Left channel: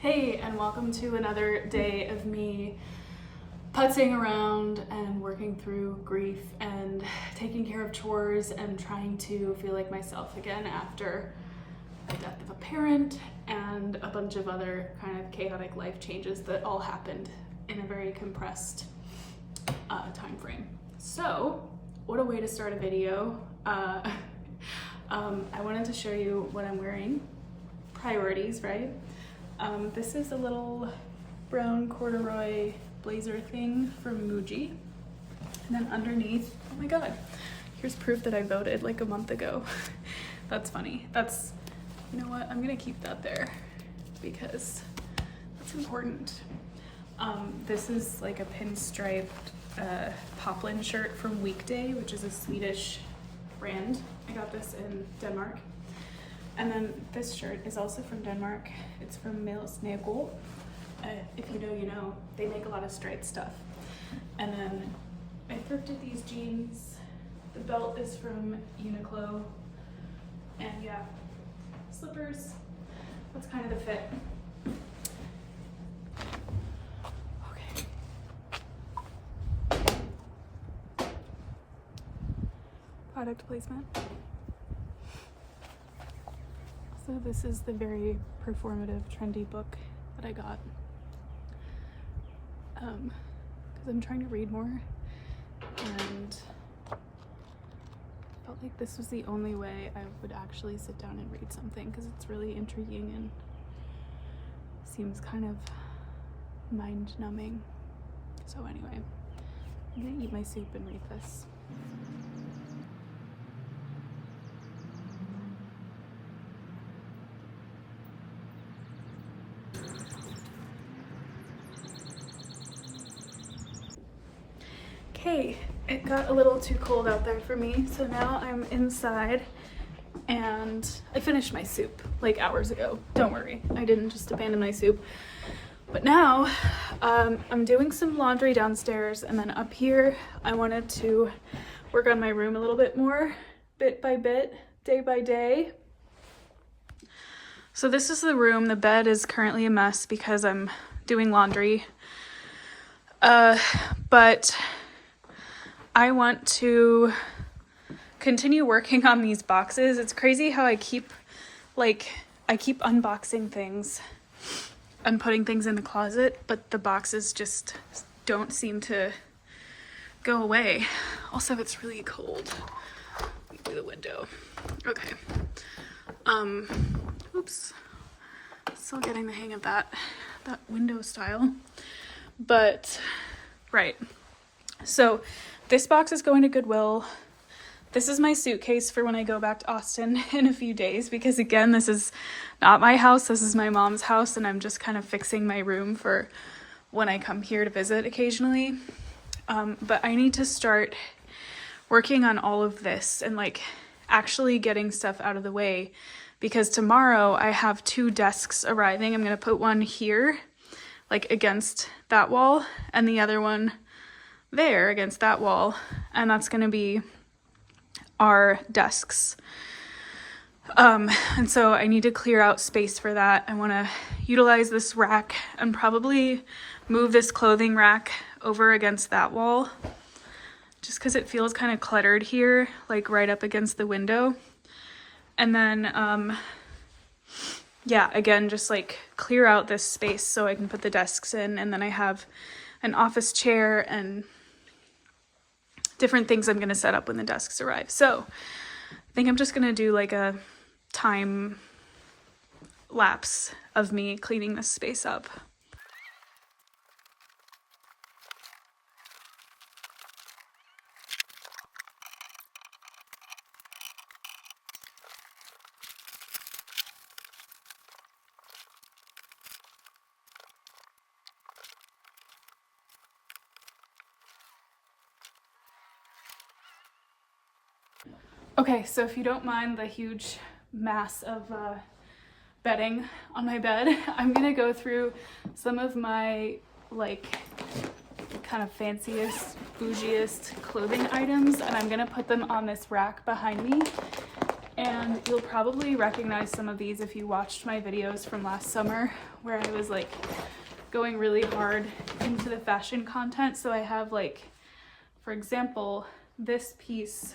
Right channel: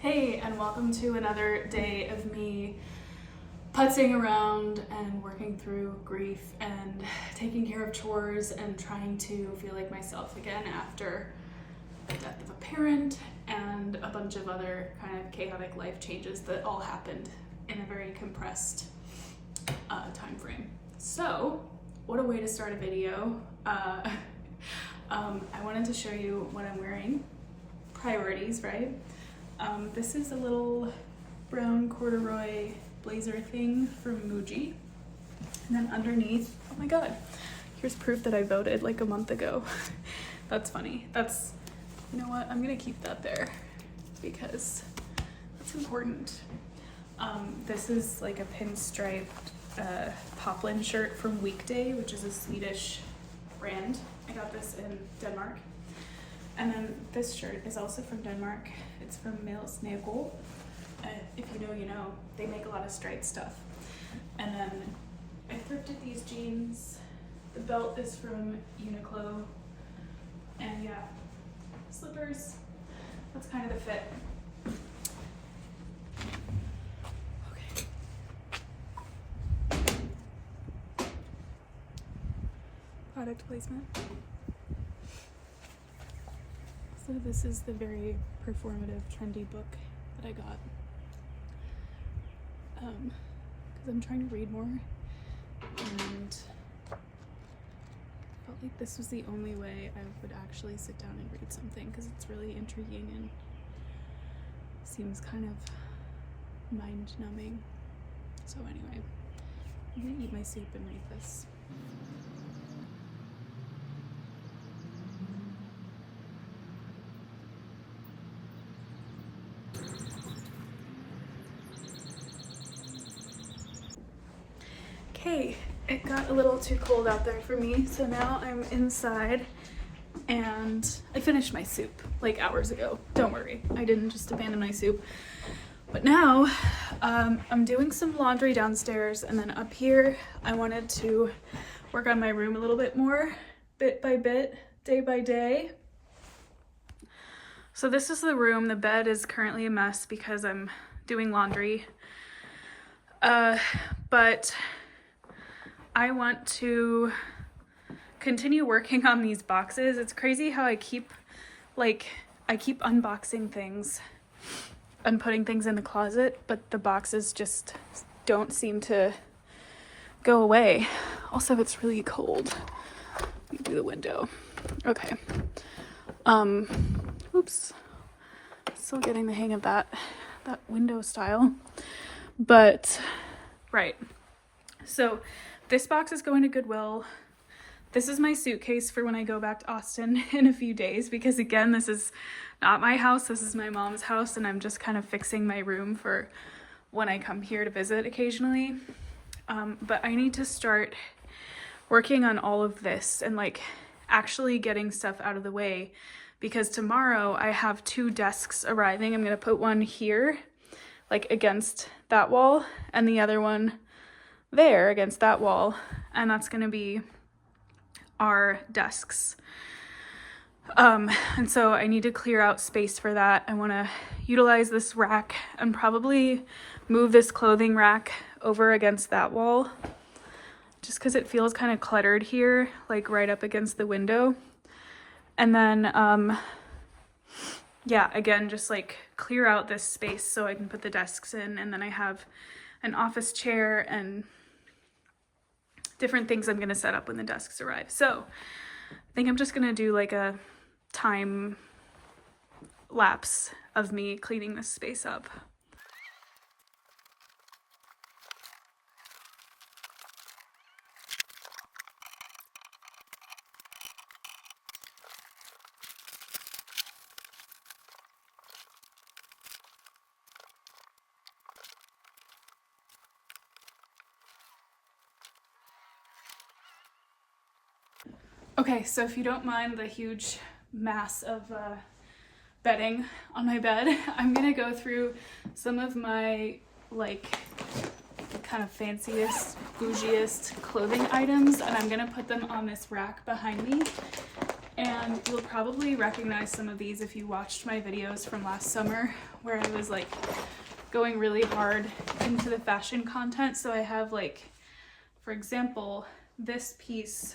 Hey, and welcome to another day of me putzing around and working through grief and taking care of chores and trying to feel like myself again after the death of a parent and a bunch of other kind of chaotic life changes that all happened in a very compressed time frame. So, what a way to start a video. I wanted to show you what I'm wearing. Priorities, right? This is a little brown corduroy blazer thing from Muji. And then underneath, oh my God, here's proof that I voted like a month ago. That's funny. That's, you know what, I'm gonna keep that there because that's important. This is like a pinstriped poplin shirt from Weekday, which is a Swedish brand. I got this in Denmark. And then this shirt is also from Denmark. It's from Males Snegel. If you know, you know. They make a lot of striped stuff. And then I thrifted these jeans. The belt is from Uniqlo. And yeah, slippers. That's kind of the fit. Okay. Product placement. So this is the very performative, trendy book that I got. Because I'm trying to read more, and I felt like this was the only way I would actually sit down and read something, because it's really intriguing and seems kind of mind-numbing. So anyway, I'm gonna eat my soup and read this. Okay, it got a little too cold out there for me, so now I'm inside and I finished my soup like hours ago. Don't worry, I didn't just abandon my soup. But now I'm doing some laundry downstairs, and then up here I wanted to work on my room a little bit more, bit by bit, day by day. So this is the room. The bed is currently a mess because I'm doing laundry. But I want to continue working on these boxes. It's crazy how I keep unboxing things and putting things in the closet, but the boxes just don't seem to go away. Also, it's really cold. Let me do the window. Okay. Oops. Still getting the hang of that window style. But, right. So, this box is going to Goodwill. This is my suitcase for when I go back to Austin in a few days, because again, this is not my house, this is my mom's house, and I'm just kind of fixing my room for when I come here to visit occasionally. But I need to start working on all of this and like actually getting stuff out of the way, because tomorrow I have 2 desks arriving. I'm gonna put one here, like against that wall, and the other one there against that wall, and that's gonna be our desks. And so I need to clear out space for that. I want to utilize this rack and probably move this clothing rack over against that wall, just because it feels kind of cluttered here, like right up against the window. And then yeah, again, just like clear out this space so I can put the desks in, and then I have an office chair and different things I'm going to set up when the desks arrive. So I think I'm just going to do like a time lapse of me cleaning this space up. Okay, so if you don't mind the huge mass of bedding on my bed, I'm gonna go through some of my like kind of fanciest, bougiest clothing items, and I'm gonna put them on this rack behind me. And you'll probably recognize some of these if you watched my videos from last summer where I was like going really hard into the fashion content. So I have like, for example, this piece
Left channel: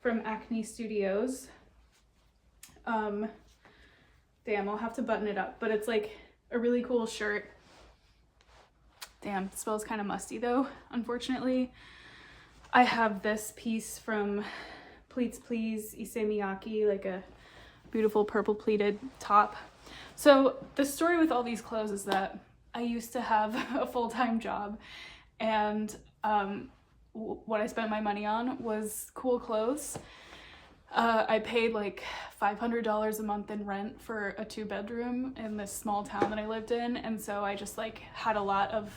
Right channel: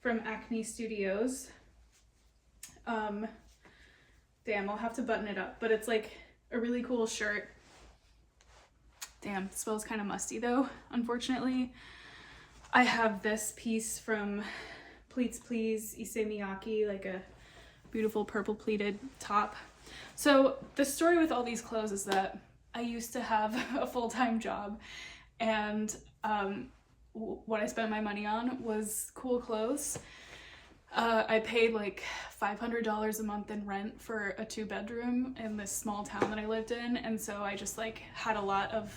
from Acne Studios. Damn, I'll have to button it up, but it's like a really cool shirt. Damn, it smells kind of musty though, unfortunately. I have this piece from Pleats Please Issey Miyake, like a beautiful purple pleated top. So the story with all these clothes is that I used to have a full-time job, and what I spent my money on was cool clothes. I paid like $500 a month in rent for a 2-bedroom in this small town that I lived in, and so I just like had a lot of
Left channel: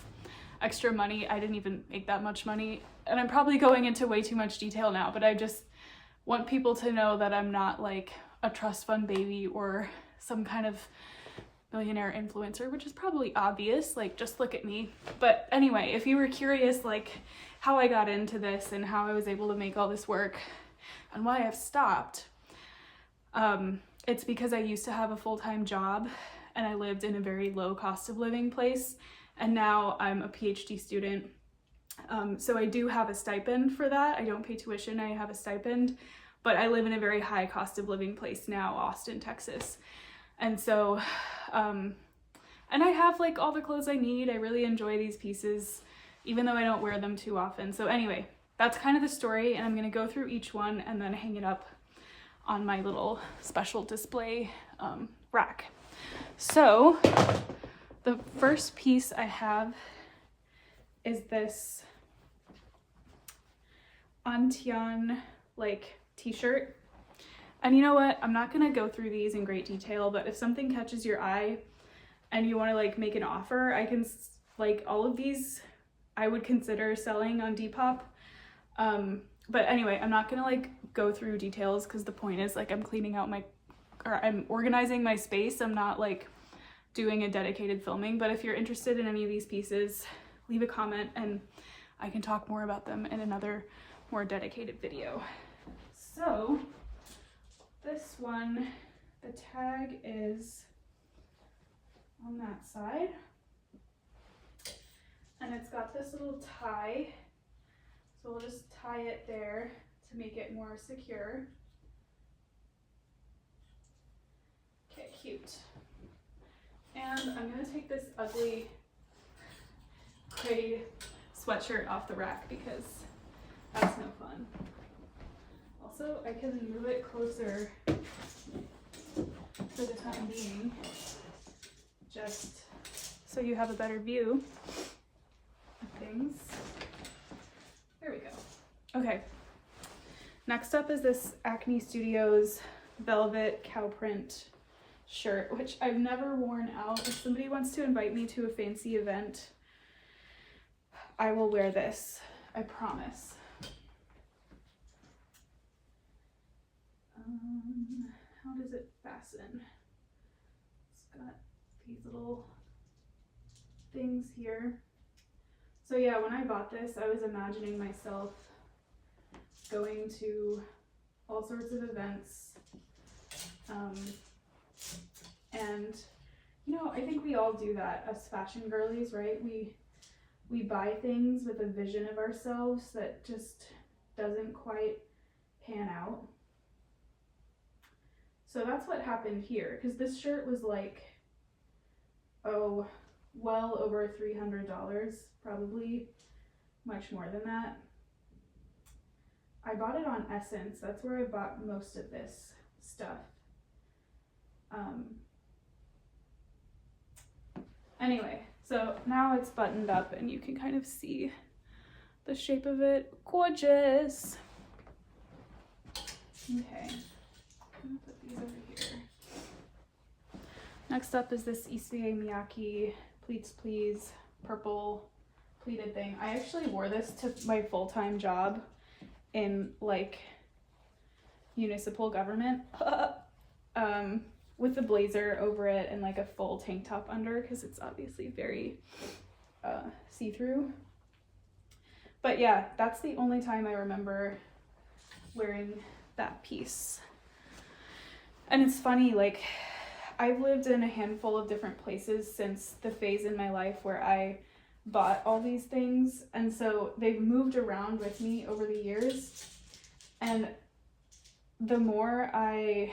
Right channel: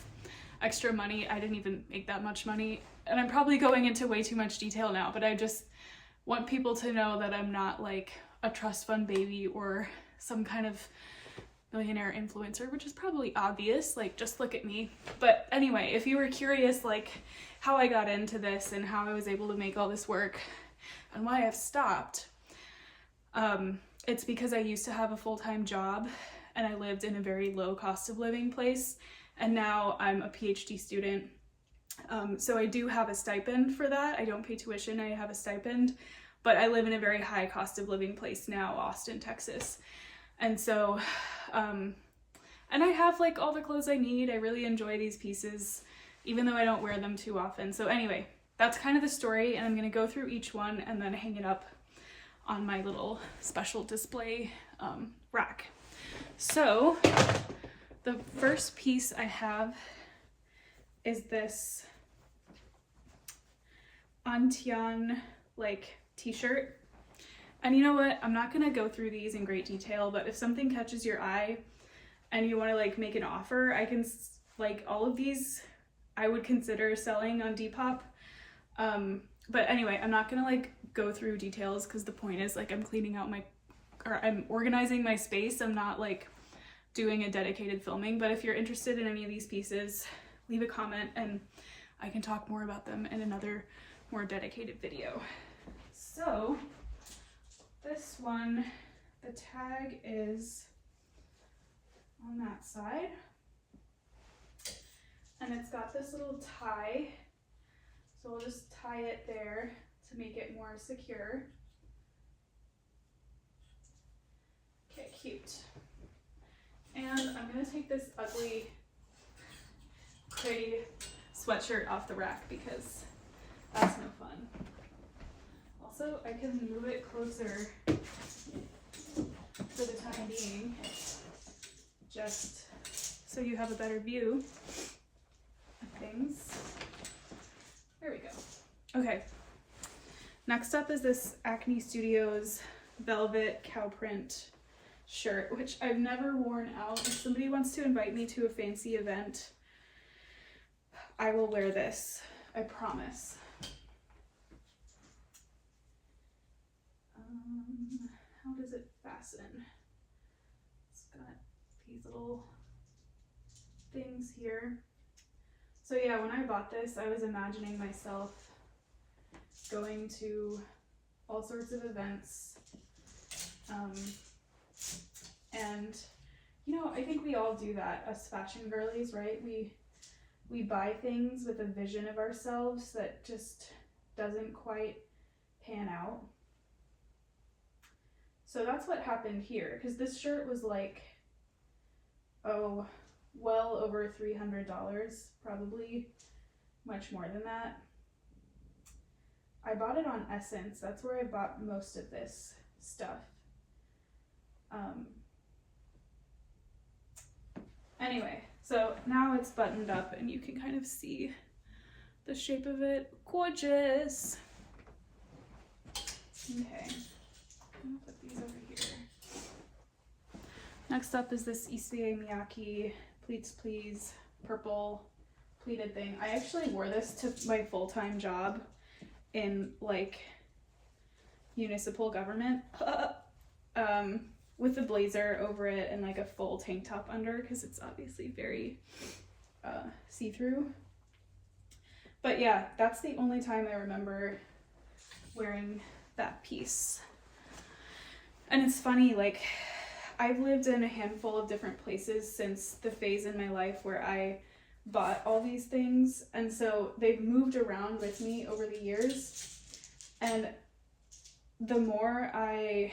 extra money. I didn't even make that much money, and I'm probably going into way too much detail now, but I just want people to know that I'm not like a trust fund baby or some kind of millionaire influencer, which is probably obvious, like just look at me. But anyway, if you were curious like how I got into this and how I was able to make all this work and why I've stopped, it's because I used to have a full-time job and I lived in a very low cost of living place, and now I'm a PhD student. So I do have a stipend for that. I don't pay tuition, I have a stipend, but I live in a very high cost of living place now, Austin, Texas. And so, and I have like all the clothes I need. I really enjoy these pieces, even though I don't wear them too often. So anyway, that's kind of the story, and I'm gonna go through each one and then hang it up on my little special display rack. So the first piece I have is this Antian like t-shirt. And you know what, I'm not gonna go through these in great detail, but if something catches your eye and you want to like make an offer, I can, like, all of these I would consider selling on Depop. But anyway, I'm not gonna like go through details because the point is like I'm cleaning out I'm organizing my space. I'm not like doing a dedicated filming, but if you're interested in any of these pieces, leave a comment and I can talk more about them in another more dedicated video. So this one, the tag is on that side, and it's got this little tie, so we'll just tie it there to make it more secure. Okay, cute. And I'm gonna take this ugly gray sweatshirt off the rack because that's no fun. Also, I can move it closer for the time being, just so you have a better view of things. There we go. Okay, next up is this Acne Studios velvet cow print shirt, which I've never worn out. If somebody wants to invite me to a fancy event, I will wear this, I promise. How does it fasten? It's got these little things here. So yeah, when I bought this, I was imagining myself going to all sorts of events. And you know, I think we all do that as fashion girlies, right? We buy things with a vision of ourselves that just doesn't quite pan out. So that's what happened here, because this shirt was like, oh, well over $300, probably much more than that. I bought it on Essence. That's where I bought most of this stuff. Anyway, so now it's buttoned up and you can kind of see the shape of it. Gorgeous. Okay, I'm gonna put these over here. Next up is this Issey Miyake Pleats Please purple pleated thing. I actually wore this to my full-time job in like municipal government with the blazer over it and like a full tank top under, because it's obviously very see-through. But yeah, that's the only time I remember wearing that piece. And it's funny, like, I've lived in a handful of different places since the phase in my life where I bought all these things, and so they've moved around with me over the years, and the more I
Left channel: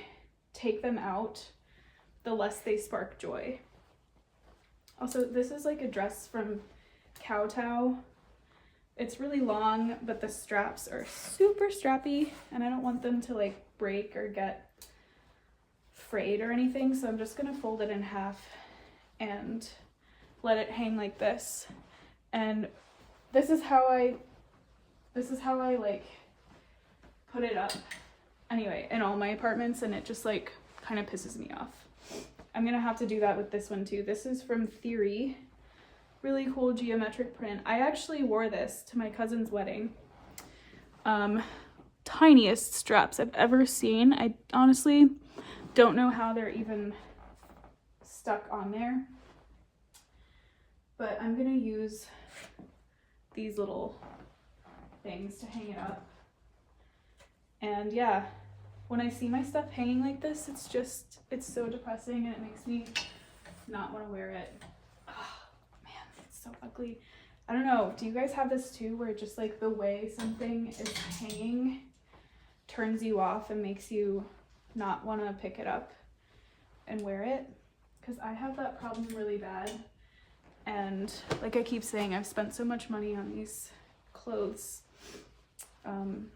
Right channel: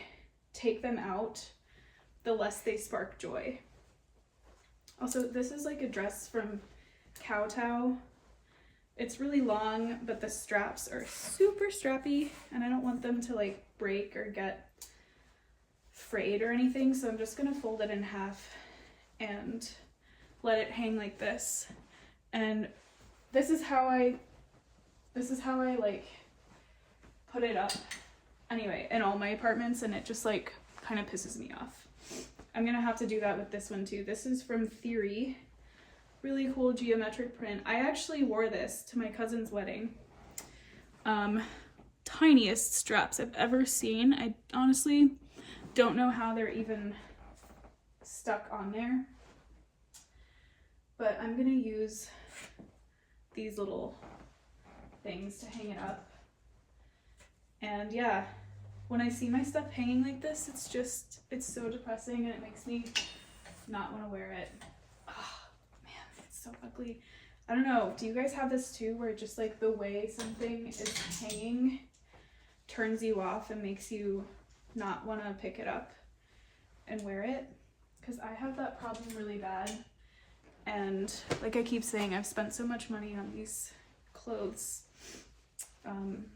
take them out, the less they spark joy. Also, this is like a dress from Kowtow. It's really long, but the straps are super strappy, and I don't want them to like break or get frayed or anything, so I'm just gonna fold it in half and let it hang like this. And this is how I like put it up anyway in all my apartments, and it just like kind of pisses me off. I'm gonna have to do that with this one too. This is from Theory. Really cool geometric print. I actually wore this to my cousin's wedding. Tiniest straps I've ever seen. I honestly don't know how they're even stuck on there, but I'm gonna use these little things to hang it up. And yeah, when I see my stuff hanging like this, it's so depressing, and it makes me not want to wear it. Oh man, it's so ugly. I don't know, do you guys have this too, where just like the way something is hanging turns you off and makes you not want to pick it up and wear it? Because I have that problem really bad, and like I keep saying, I've spent so much money on these clothes, and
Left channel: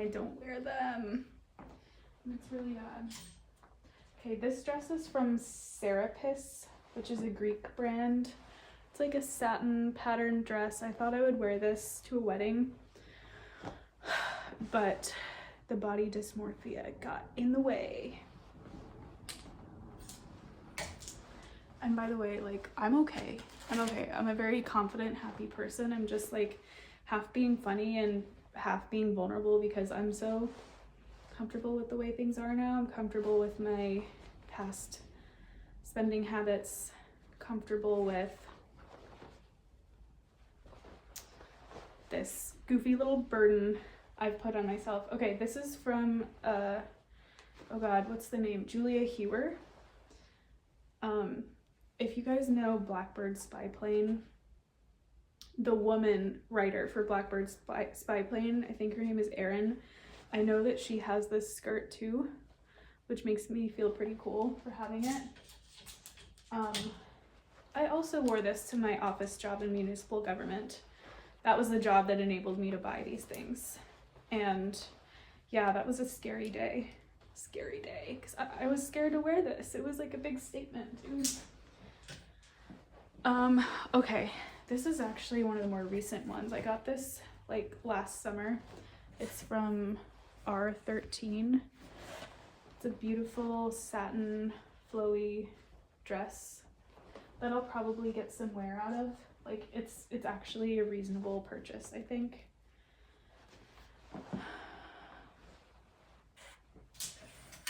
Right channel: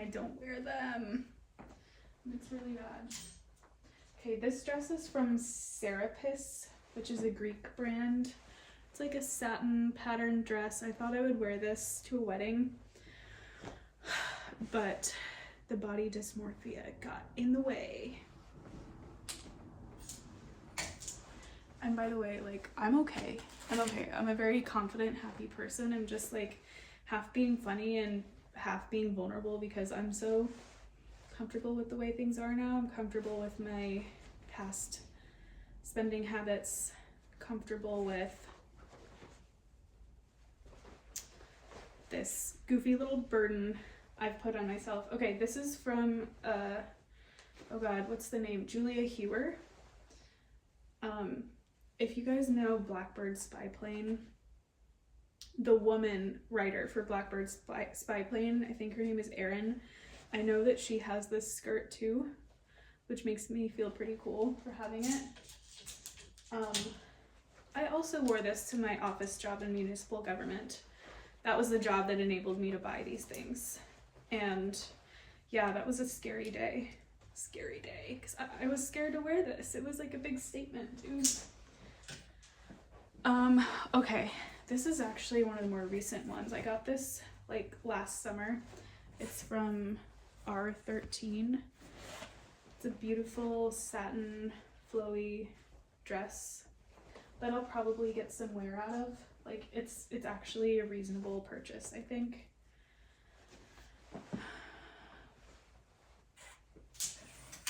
I don't wear them. It's really bad. Okay, this dress is from Serapis, which is a Greek brand. It's like a satin patterned dress. I thought I would wear this to a wedding, but the body dysmorphia got in the way. And by the way, like, I'm okay. I'm okay. I'm a very confident, happy person. I'm just like half being funny and half being vulnerable because I'm so comfortable with the way things are now. I'm comfortable with my past spending habits, comfortable with this goofy little burden I've put on myself. Okay, this is from, oh God, what's the name? Julia Hewer. If you guys know Blackbird Spy Plane, the woman writer for Blackbird Spy Plane, I think her name is Erin. I know that she has this skirt too, which makes me feel pretty cool for having it. I also wore this to my office job in municipal government. That was the job that enabled me to buy these things. And yeah, that was a scary day. Scary day, because I was scared to wear this. It was like a big statement, dude. Okay, this is actually one of the more recent ones. I got this like last summer. It's from R13. It's a beautiful satin flowy dress that I'll probably get some wear out of. Like, it's actually a reasonable purchase, I think.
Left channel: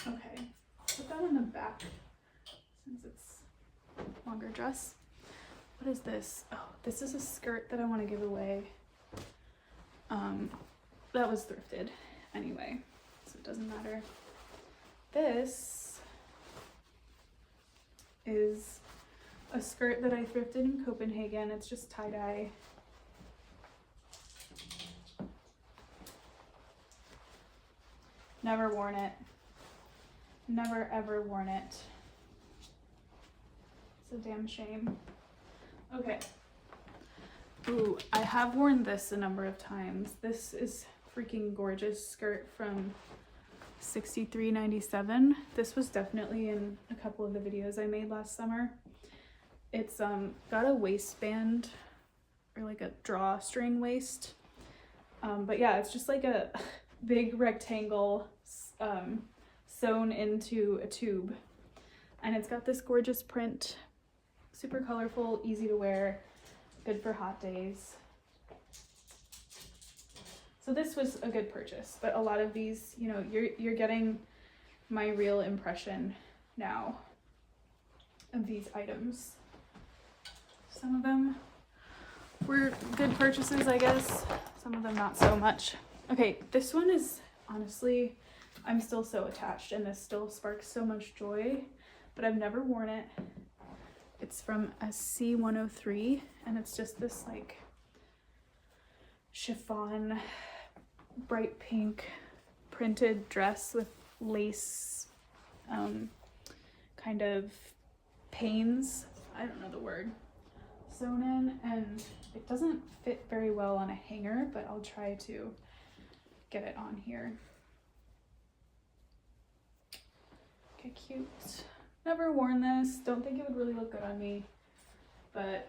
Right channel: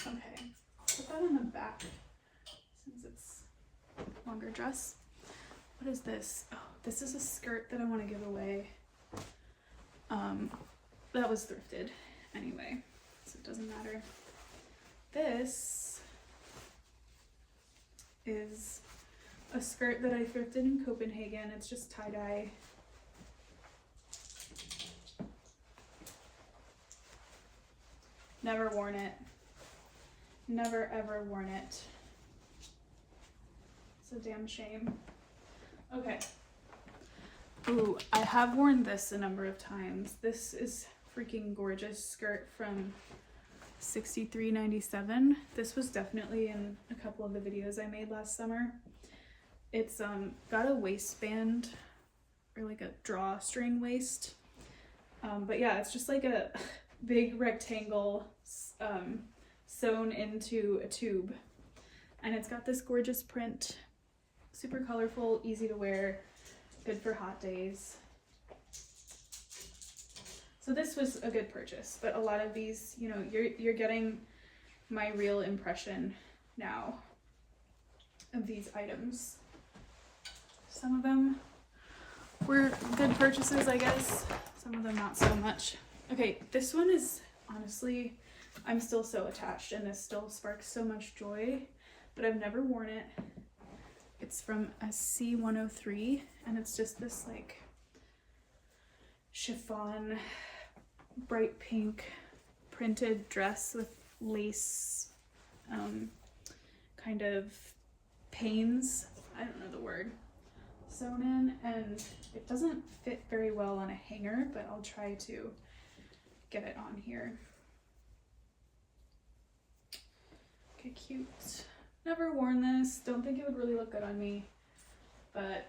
Okay, put that in the back since it's a longer dress. What is this? Oh, this is a skirt that I want to give away. That was thrifted anyway, so it doesn't matter. This is a skirt that I thrifted in Copenhagen. It's just tie-dye. Never worn it. Never ever worn it. It's a damn shame. Okay. Ooh, I have worn this a number of times. This is freaking gorgeous skirt from $63.97. This was definitely in a couple of the videos I made last summer. It's got a waistband, or like a drawstring waist. But yeah, it's just like a big rectangle sewn into a tube. And it's got this gorgeous print, super colorful, easy to wear, good for hot days. So this was a good purchase, but a lot of these, you know, you're getting my real impression now of these items. Some of them were good purchases, I guess. Some of them not so much. Okay, this one is honestly I'm still so attached, and this still sparks so much joy, but I've never worn it. It's from a C103, and it's just this like chiffon, bright pink printed dress with lace kind of panes, I don't know the word, sewn in, and it doesn't fit very well on a hanger, but I'll try to get it on here. Okay, cute. Never worn this. Don't think it would really look good on me, but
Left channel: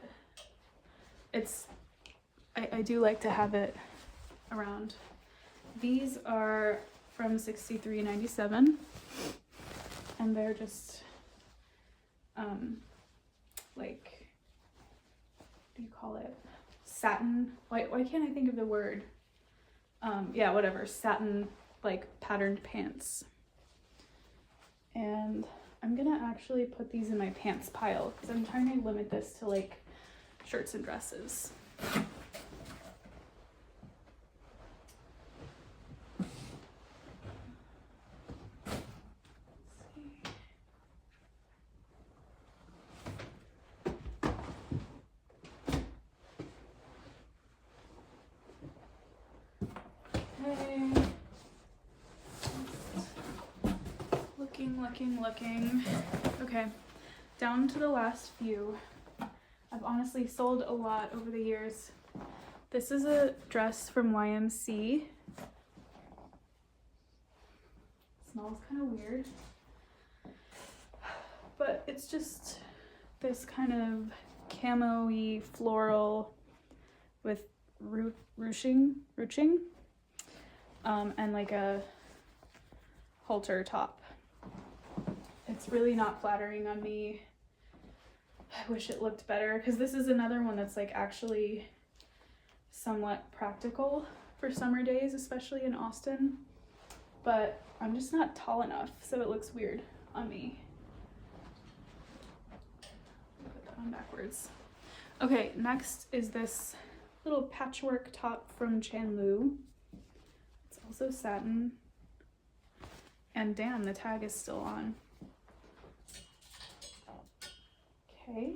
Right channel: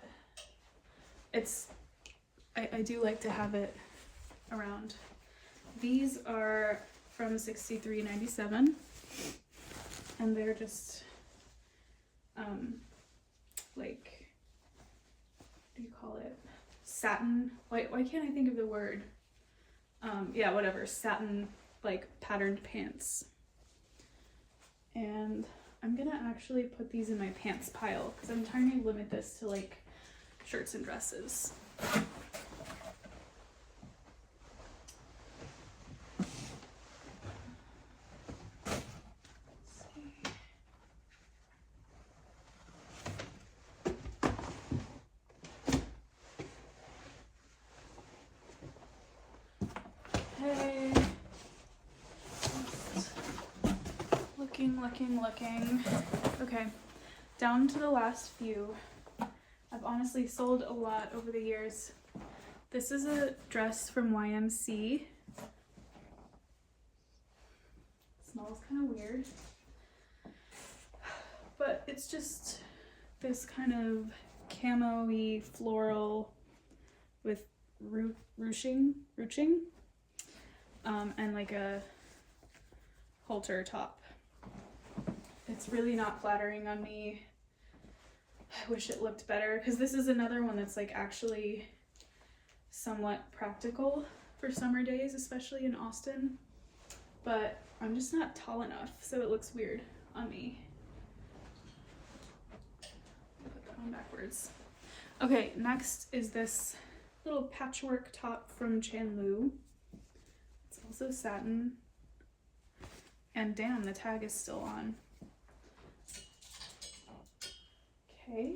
it's, I do like to have it around. These are from 63.97, and they're just like, what do you call it? Satin. Why can't I think of the word? Yeah, whatever. Satin like patterned pants. And I'm gonna actually put these in my pants pile because I'm trying to limit this to like shirts and dresses. Okay. Looking. Okay, down to the last few. I've honestly sold a lot over the years. This is a dress from YMC. Smells kind of weird, but it's just this kind of camo-y floral with ruching, and like a halter top. It's really not flattering on me. I wish it looked better, because this is another one that's like actually somewhat practical for summer days, especially in Austin, but I'm just not tall enough, so it looks weird on me. Put that on backwards. Okay, next is this little patchwork top from Chandlu. It's also satin, and damn, the tag is still on. Okay,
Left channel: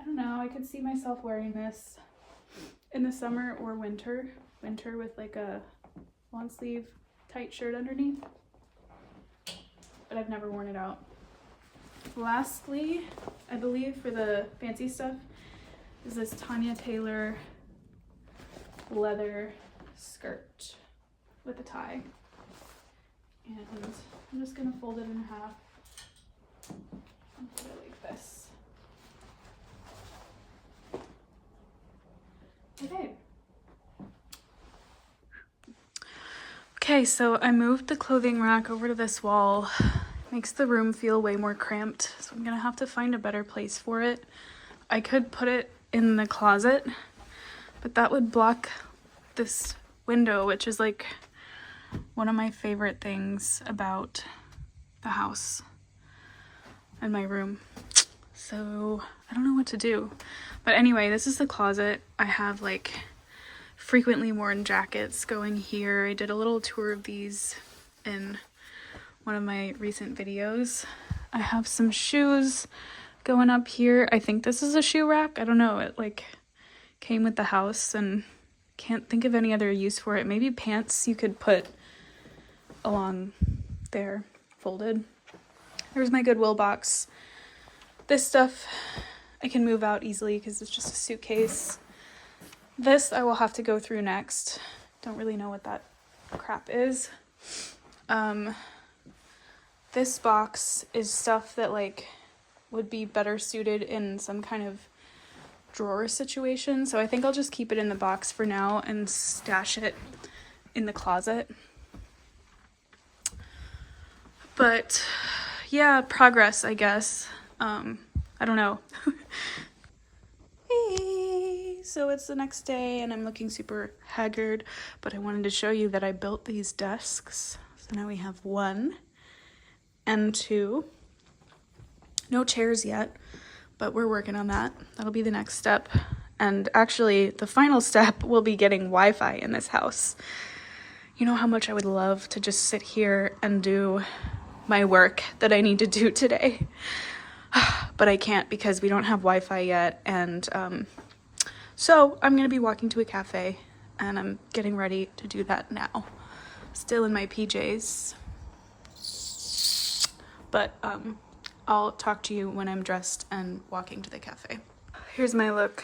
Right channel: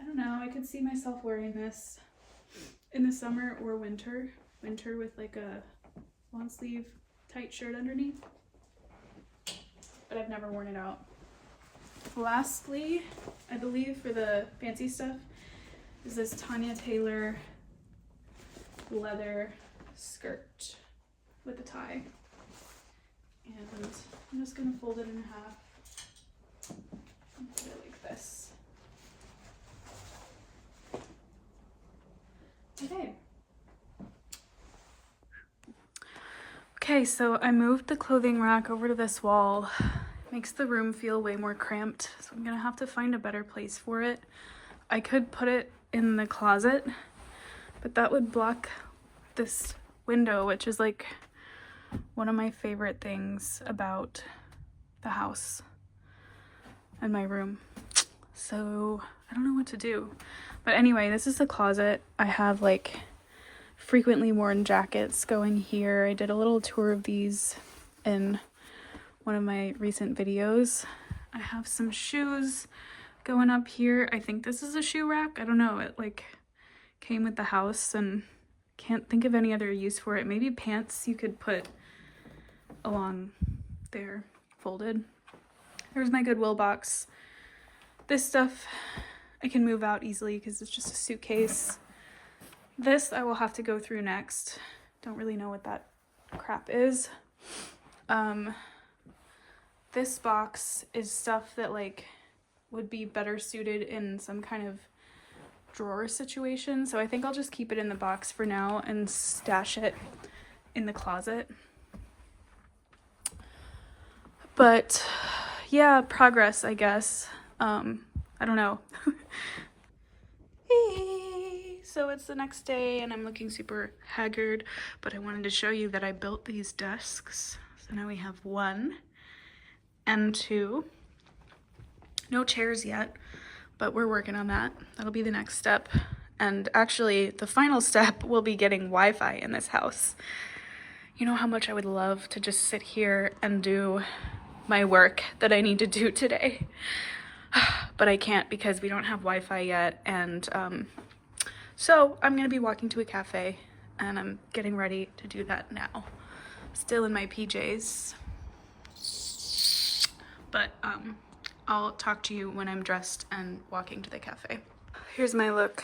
I don't know, I could see myself wearing this in the summer or winter with like a long sleeve tight shirt underneath, but I've never worn it out. Lastly, I believe for the fancy stuff, is this Tanya Taylor leather skirt with a tie, and I'm just gonna fold it in half and put it like this. Okay, so I moved the clothing rack over to this wall. Makes the room feel way more cramped, so I'm gonna have to find a better place for it. I could put it in the closet, but that would block this window, which is like one of my favorite things about the house and my room. So I don't know what to do. But anyway, this is the closet. I have like frequently worn jackets going here. I did a little tour of these in one of my recent videos. I have some shoes going up here. I think this is a shoe rack. I don't know. It like came with the house and can't think of any other use for it. Maybe pants you could put along there folded. There's my Goodwill box. This stuff I can move out easily because it's just a suitcase. This I will have to go through next. Don't really know what that crap is. This box is stuff that like would be better suited in some kind of drawer situation. So I think I'll just keep it in the box for now and stash it in the closet. But yeah, progress, I guess. I don't know. Hey, so it's the next day and I'm looking super haggard, but I wanted to show you that I built these desks. So now we have 1 and 2. No chairs yet, but we're working on that. That'll be the next step. And actually, the final step will be getting Wi-Fi in this house. You know how much I would love to just sit here and do my work that I need to do today. But I can't because we don't have Wi-Fi yet. And so I'm going to be walking to a cafe and I'm getting ready to do that now. Still in my PJs. But I'll talk to you when I'm dressed and walking to the cafe. Here's my look.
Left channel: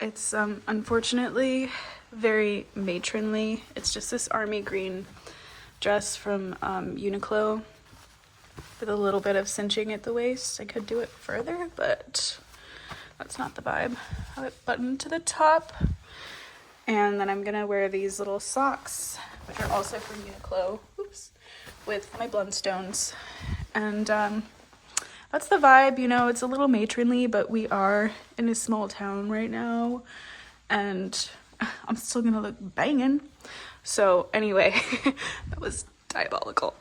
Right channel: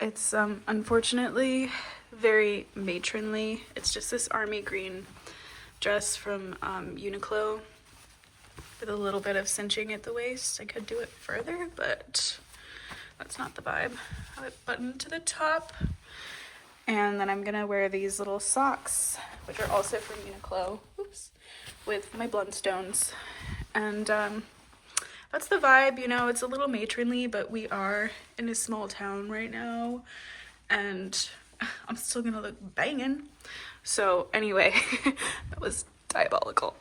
It's unfortunately very matronly. It's just this army green dress from Uniqlo with a little bit of cinching at the waist. I could do it further, but that's not the vibe. I have it buttoned to the top. And then I'm gonna wear these little socks, which are also from Uniqlo, oops, with my Blundstones. And that's the vibe, you know, it's a little matronly, but we are in a small town right now, and I'm still gonna look banging. So anyway, that was diabolical.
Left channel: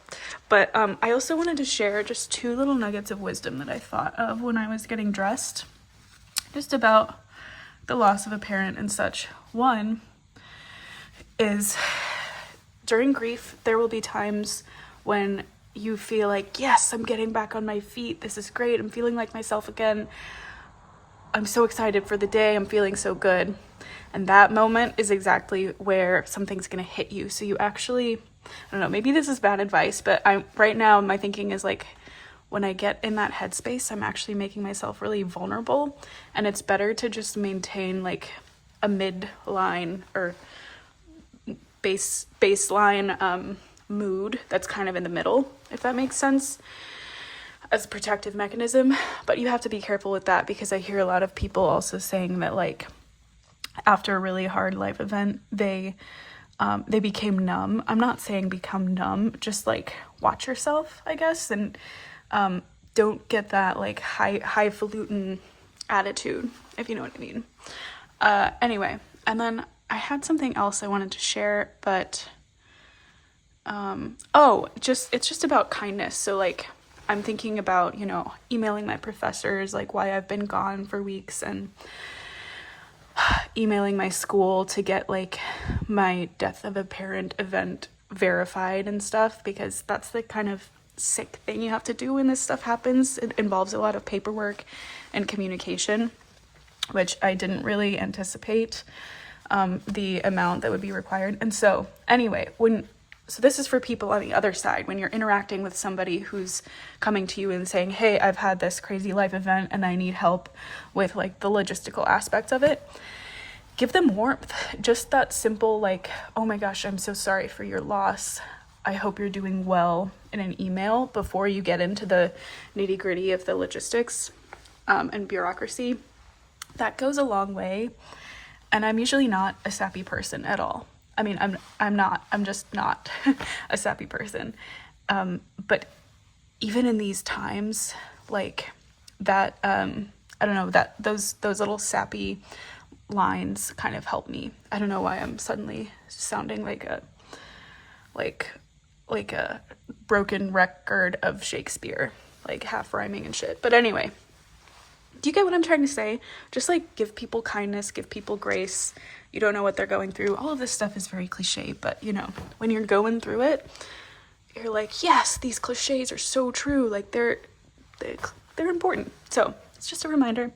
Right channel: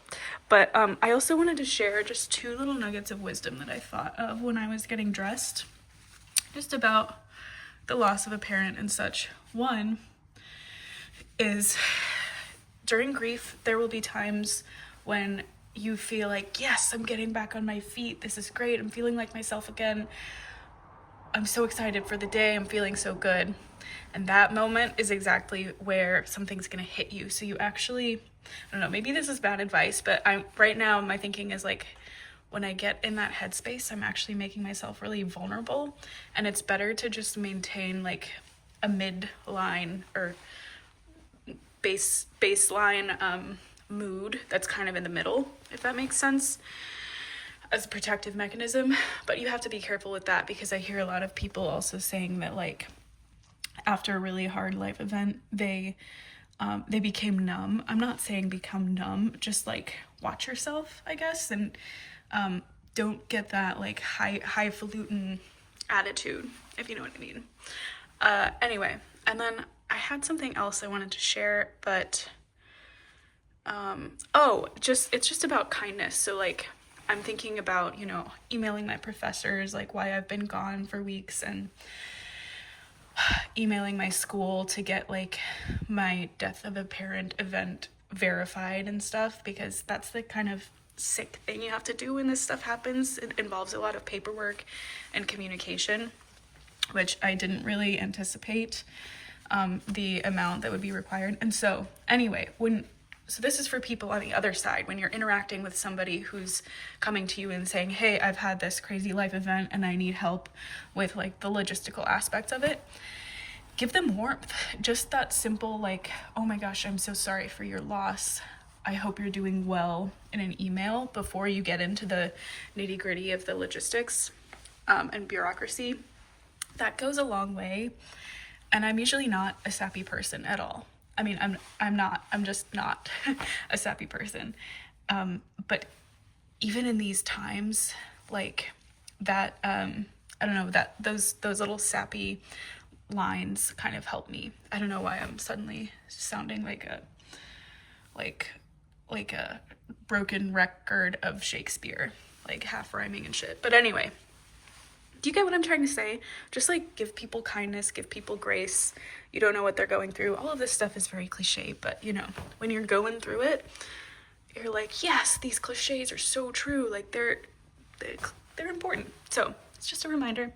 But I also wanted to share just 2 little nuggets of wisdom that I thought of when I was getting dressed, just about the loss of a parent and such. One is, during grief, there will be times when you feel like, yes, I'm getting back on my feet. This is great. I'm feeling like myself again. I'm so excited for the day. I'm feeling so good. And that moment is exactly where something's going to hit you. So you actually, I don't know, maybe this is bad advice, but right now my thinking is like, when I get in that headspace, I'm actually making myself really vulnerable. And it's better to just maintain like a midline or baseline mood that's kind of in the middle, if that makes sense, as a protective mechanism. But you have to be careful with that, because I hear a lot of people also saying that like after a really hard life event, they became numb. I'm not saying become numb, just like watch yourself, I guess, and don't get that like highfalutin attitude, if you know what I mean. Anyway, and then I had something else I wanted to share, but it's just about kindness. So like I'm thinking about, you know, emailing my professors like why I've been gone for weeks, and emailing my school to get like my death of a parent event verified and stuff, because that's the kind of sick thing you have to do when this stuff happens. It involves a lot of paperwork and communication, which I didn't really anticipate the amount that would be required. And so anyway, so this is for people on the other side, when you're interacting with somebody who's coming to you and saying, hey, I've had this crazy life event and I need help with like the logistical aspects of it. Give them warmth. Just that simple like, oh my gosh, I'm so sorry for your loss. I hope you're doing well, in an email before you get into the nitty gritty of the logistics and bureaucracy. That goes a long way. And I'm usually not a sappy person at all. I mean, I'm just not a sappy person. But even in these times, like that, I don't know, that those little sappy lines kind of help me. I don't know why I'm suddenly sounding like a broken record of Shakespeare, like half rhyming and shit. But anyway, do you get what I'm trying to say? Just like give people kindness, give people grace. You don't know what they're going through. All of this stuff is very cliche, but you know, when you're going through it, you're like, yes, these cliches are so true. Like they're important. So it's just a reminder.